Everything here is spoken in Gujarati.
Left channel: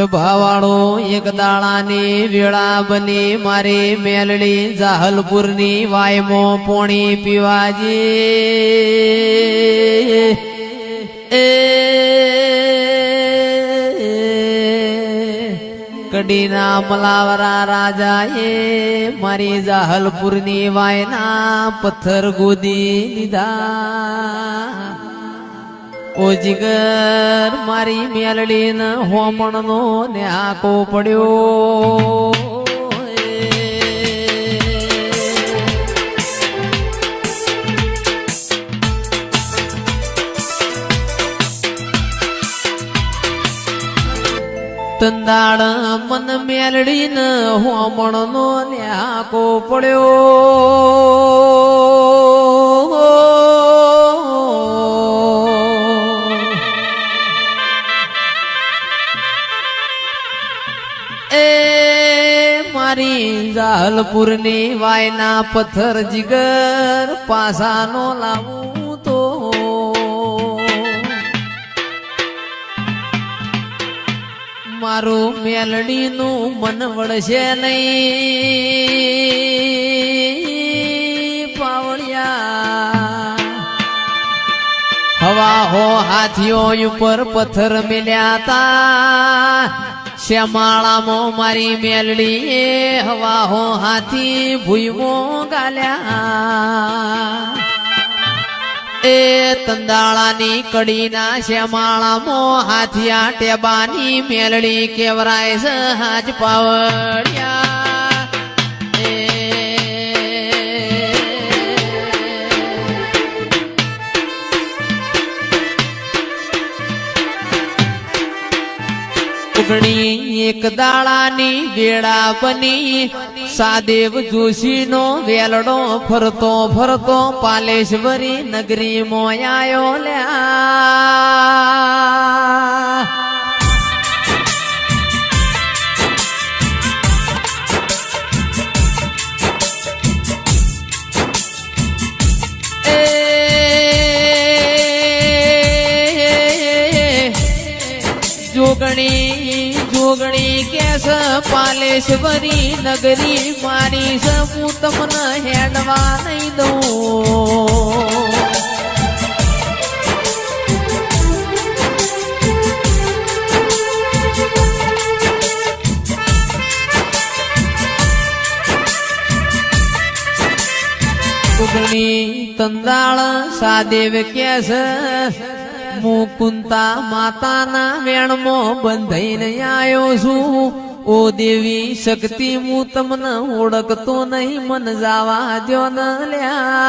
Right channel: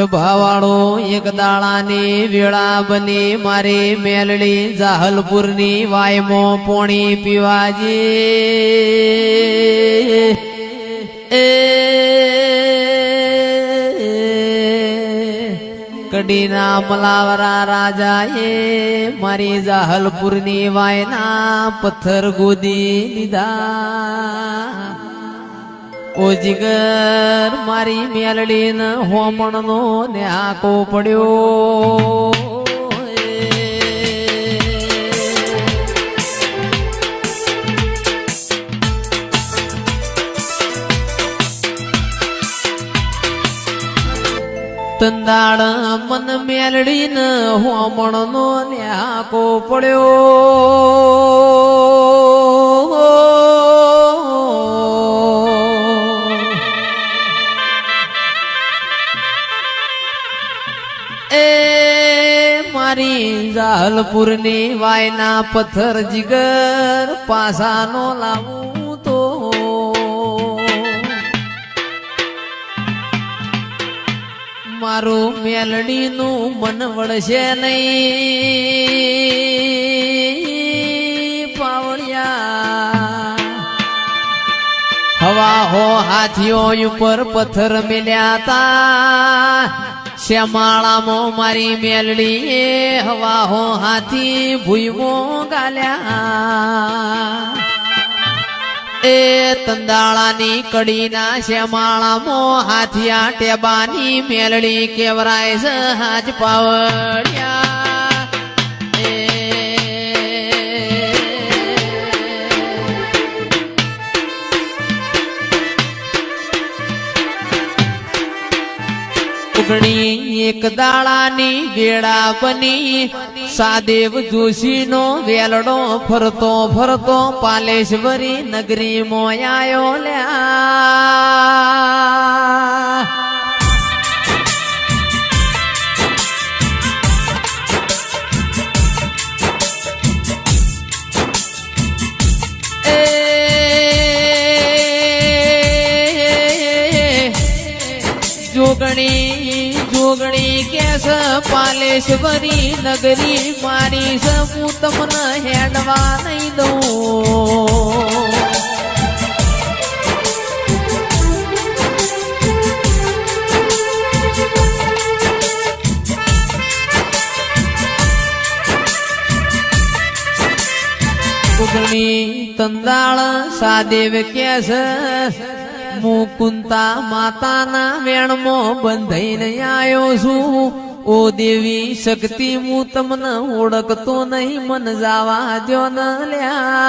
સભાવાળો એક દાડાની વેળા બની મારી મેલડી જાહલપુરની વાયમો પોણી પીવાજી. કડીના મલાવરા રાજા એ મારી જાહલપુરની વાયના પથ્થર ગોદી દીધા. ઓ જીગર, મારી મેલડી ને હોમણ નો ને આકો પડ્યો. તંદાળ મન મેલડી ને હોમણ નો ને આકો પડ્યો. મારી વાયના પથ્થર જીગર પાસાનો લાવું તો. મારું મેલડીનું મન વળશે નહીં, પાવળિયા. હવા હો હાથીઓ ઉપર પથ્થર મિલ્યા તા. શ્યામાળામાં મારી મેલડી હવા હો હાથી ભૂયમો ગાલ્યા. એ તંદાળાની કડીના શ્યામાળામાં હાથિયા ટેબાની મેલડી કેવરાય છે પાવડિયા. ઉગણી એક દાડાની વેળા બની. સાદેવ જોશી નો વેલડો ફરતો ફરતો પાલેશ્વરી નગરી મોયાયો તંદાળ સાદેવ કેસ મુકુંતા માતાના વેણમો બંધાઈને આવ્યો છું. ઓ દેવી, શક્તિ હું તમને ઓળખતો નહીં. મન જાવા જો ન લ્યા.